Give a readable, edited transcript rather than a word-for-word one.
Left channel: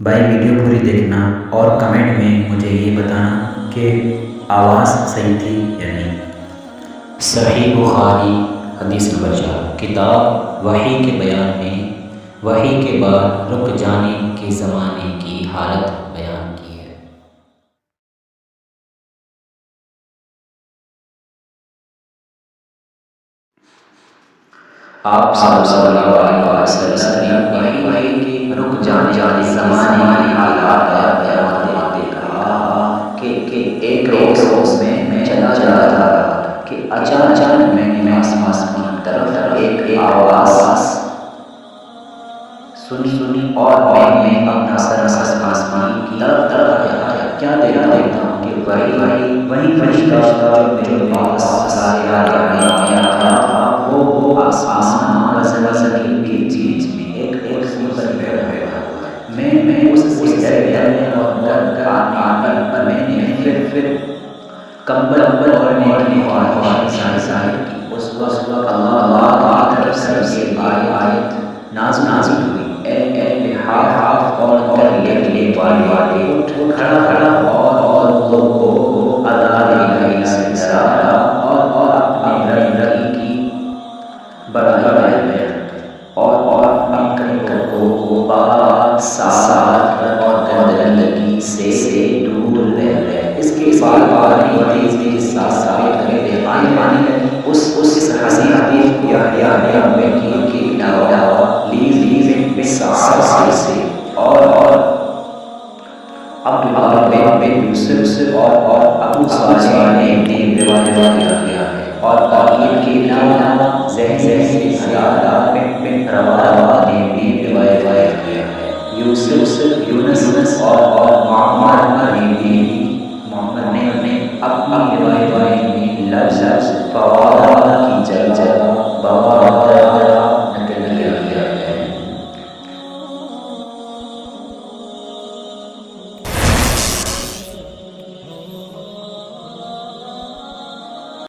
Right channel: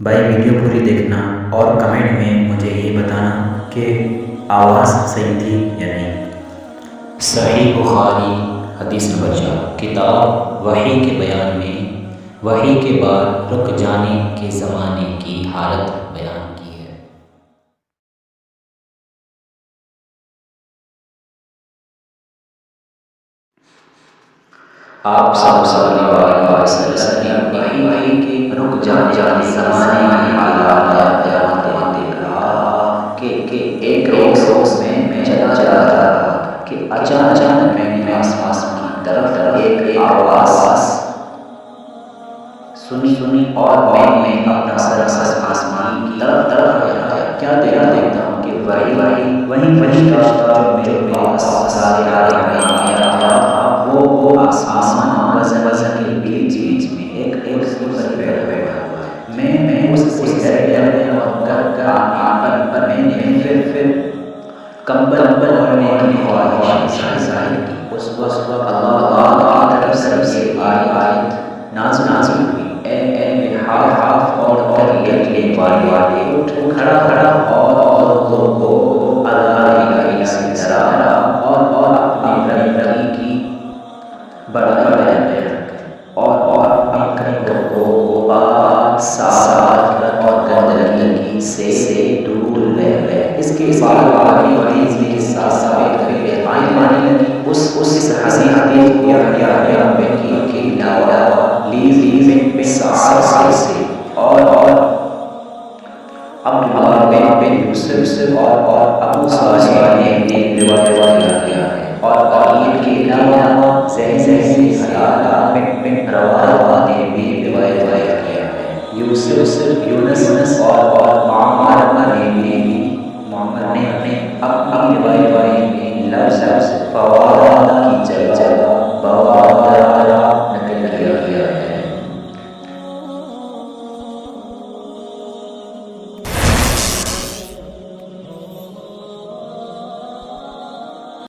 بھائی ویڈیو پوری دیکھنا اور کمنٹ میں مجھے یہ بتانا کہ آواز صحیح تھی یا نہیں۔ صحیح بخاری حدیث نمبر 4 کتاب وحی کے بیان میں وحی کے بعد رک جانے کے زمانے کی حالت بیان کی ہے۔ آپ صلی اللہ علیہ وسلم نے وحی کے رک جانے زمانے کی حالات بیان کہا کہ ایک روز میں چلا جا رہا تھا کہ اچانک میں آسمان کی طرف ایک آواز سنی اور میں اپنا سر آسمان کی طرف آیا۔ کیا دیکھتا ہوں کہ وہی فرشتہ جو میرے پاس سارے حالات میں آیا تھا وہ آسمان وزن کے بیچ میں ایک کرسی پر بیٹھا ہوا ہے۔ میں اس ڈر میں اور گھر آنے پر میں نے پھر کمبل اوڑھنے کی خواہش ظاہر کی۔ اس وقت اللہ کی طرف سے یہ آیت نازل ہوئی، اے لحاف اور لے والے اٹھ کھڑا اور لوگوں کو اللہ الہ سے ڈرا اور اپنے رب کی بڑائی بیان کر اور اپنے کو پاک صاف اور گندگی سے دور رہے۔ اس کے بعد حدیث کے ساتھ آنے لگی اس حدیث کو کی علاوہ لیز سعد سے اور عبداللہ بن یوسف اور ابو صالح نے روایت کیا ہے اور ان کے علاوہ زہر حلال بن روا نے بھی روایت کیا ہے۔ یونس اور معمر نے اپنی روایت میں لفظ فواد کی جگہ بواد